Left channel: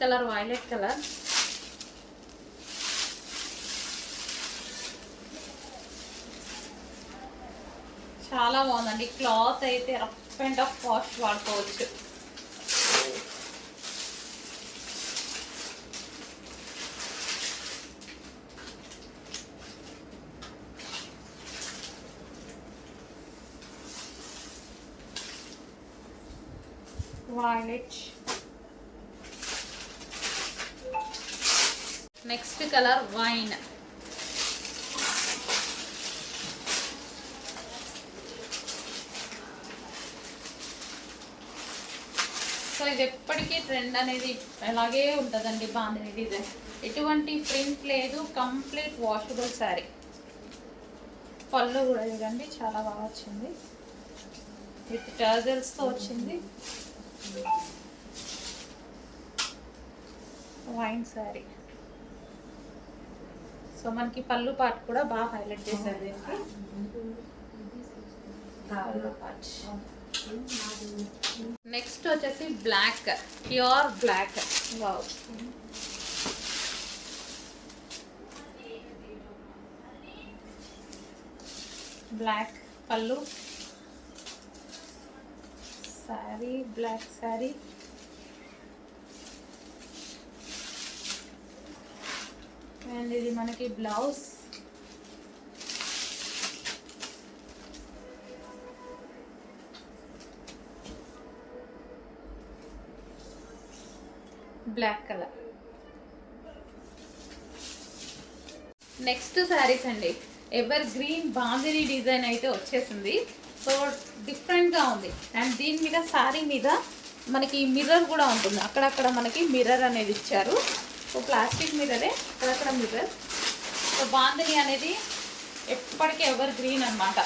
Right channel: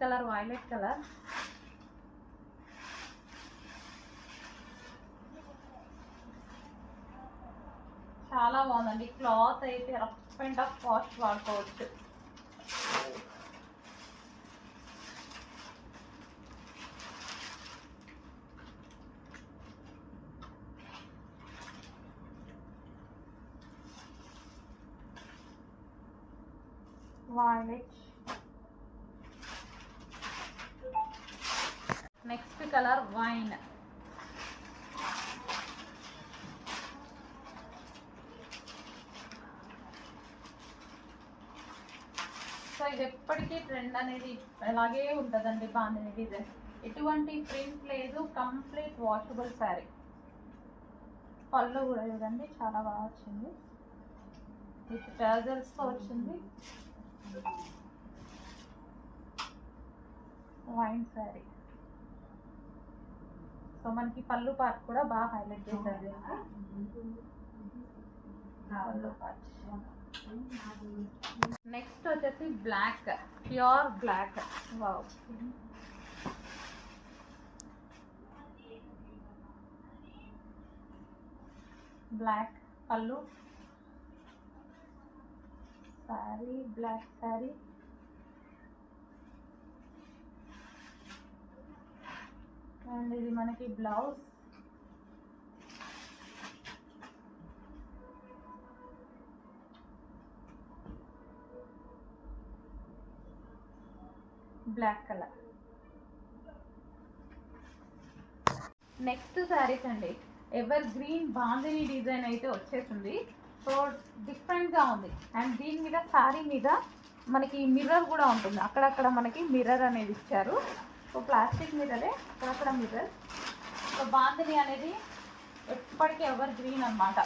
Colour violet colour. చాలా బాగుందండి. క్లాత్ అయితే రఫ్ అండ్ టఫ్ వాష్ వాడుకోవచ్చు. Violet. Next colour wine. So ఇది ఎప్పటికీ ట్రెండ్ అనేది అలాగే ఉంటుందండి. బాందిని డిజైన్ ఎటువంటి ప్రింట్ లేదు, కంప్లీట్ వాషబుల్ శారీ. పళ్ళు కూడా చూడండి చాలా బాగా వచ్చింది, విత్ టర్జల్స్తో వచ్చింది. వైన్ శారీ. సో మనకి పళ్ళు పార్ట్ కూడా బాగా హైలైట్ చేశారు దీనికి. పళ్ళు పార్ట్. నెక్స్ట్ వచ్చేసి black, pure black. Wow, black pallu, sari black sari. And ఇది మనకి blouse. Black colour. Next saris అండి, ఎవర్ గ్రీన్ బాందిని డిజైన్ అయితే వచ్చేసింది. సో డిఫరెంట్గా ఉంది. అండ్ దీని మీద శారీ మీద మనకి మిర్రర్ కూడా ఉంటుంది. అక్కడక్కడ మనకి మిర్రర్ అనేది ఇచ్చారు. సో ప్లాస్టిక్ మిర్రరే, అక్కడక్కడ మిర్రర్. సో బాందిని అనేది ఎప్పటికీ ఎవర్ గ్రీన్ అన్నమాట.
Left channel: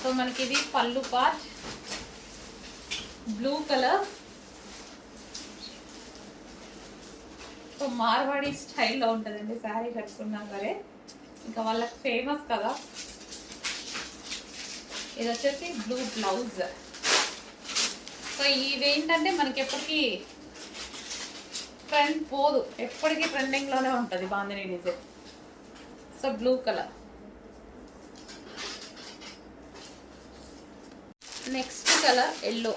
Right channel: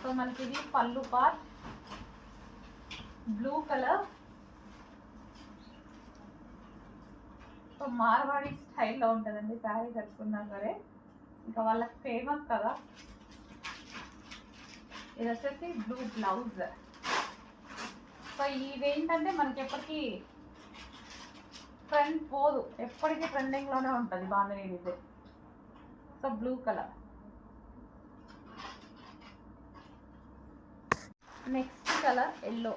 సో మనకి ఇది pallu part blue colour. So Marwadi స్టైల్లో ఉంటుందండి శారీ కట్టుకున్నా సరే, ఇంకా వాళ్ళకి ఫేమస్ కదా. ఇది వచ్చేసి బ్లూ బ్లౌజ్. సో ఇవేంటంటే మనకి ఎప్పటికీ ట్రెండ్ పోదు, ఎప్పటికీ ట్రెండింగ్లోనే ఉంటుంది bandhani design. So blue colour. Next colour yellow.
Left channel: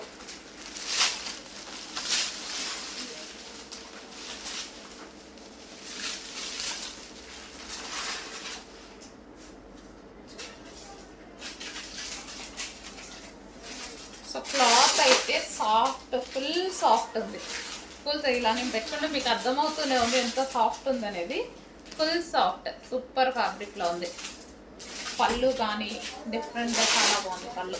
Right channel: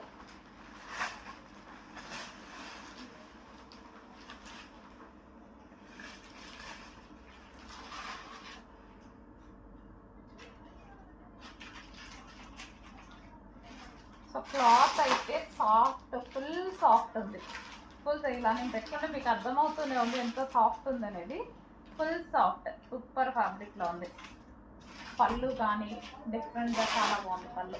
So cloth అయితే సాఫ్ట్, ఫుల్ సాఫ్ట్ ఉంది. ఫుల్ ఇలా నేను పెట్టుకుంటే మీకు అర్థమవుతూనే ఉంది ఎంత సాఫ్ట్ ఉంది అనేది. ఫుల్ సాఫ్ట్, సూపర్ ఫ్యాబ్రిక్లో ఉంది. పళ్ళు కానీ డిఫరెంట్గా చాలా బాగుంది పళ్ళు.